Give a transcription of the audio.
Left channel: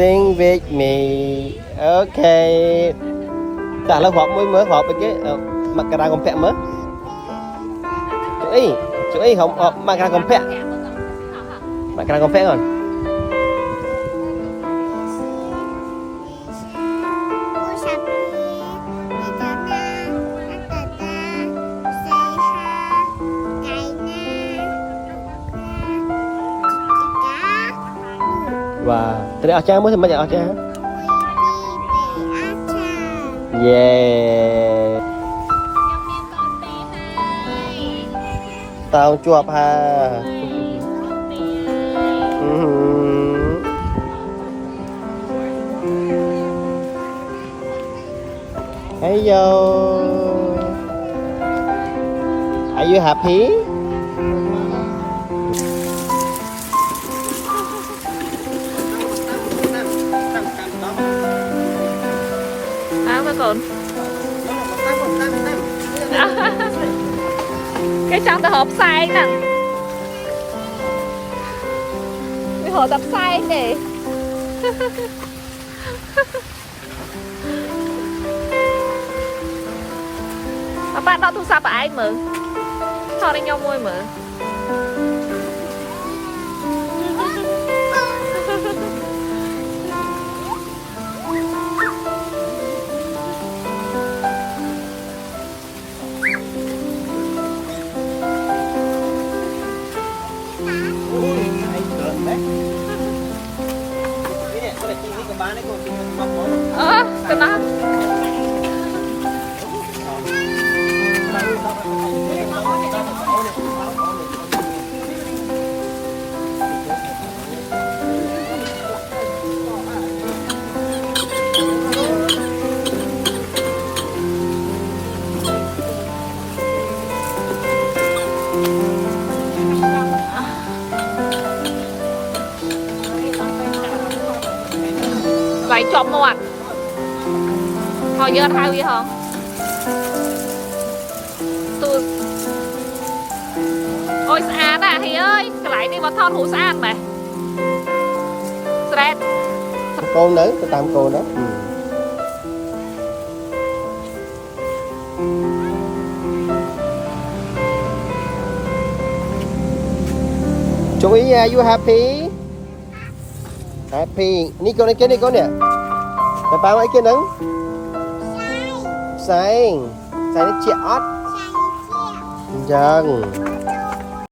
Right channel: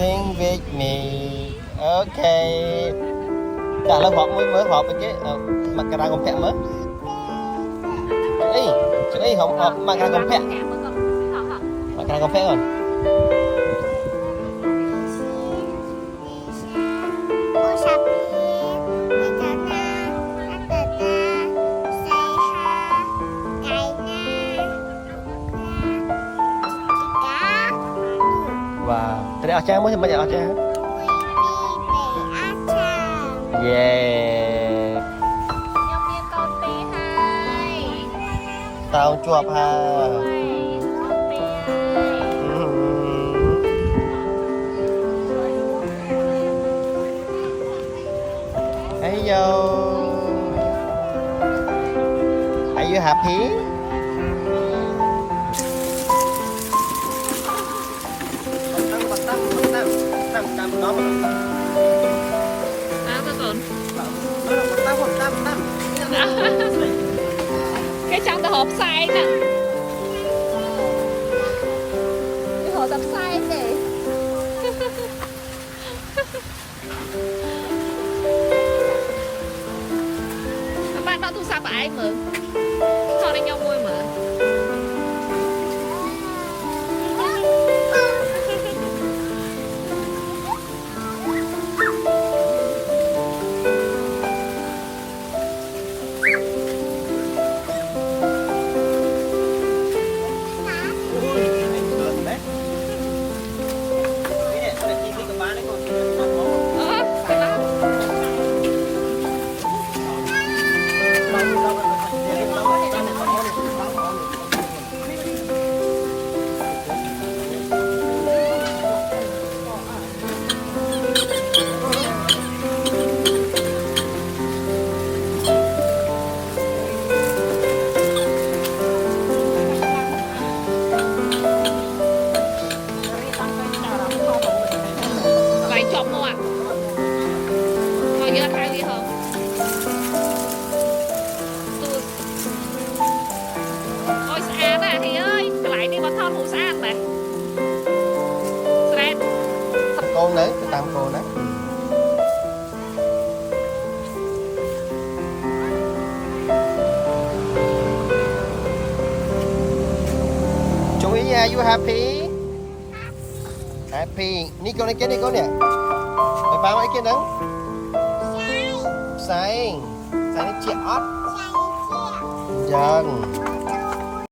Sing with me. Ok. Chả là họp mới họp với cái mặt cà ra còn phẹ mới. Chú ý không mặt cà ra còn phẹ. Mặt cà ra còn phẹ rồi. Wow. Tadi Aceh mới banyak Aceh. Yeah. Tao chuột ha. Hello. Are you happy? Còn cái trong tờ hộp sai nè, cái hộp tập sai để bạn đó thu sao bà ai mượn thôi đi nhau môi mượn cái đó vậy chọn một thôi giờ thay gì không tôi ôi xa à thì ơi cái lại đi vào thon hủ xa mày stress con đấy cái tam cô đấy. Chú ý nha, you happy? Happy. Nico này kia Nico nè. Bà bao ấy kia nắng. Xanh. Xanh nó chẹt. Dần.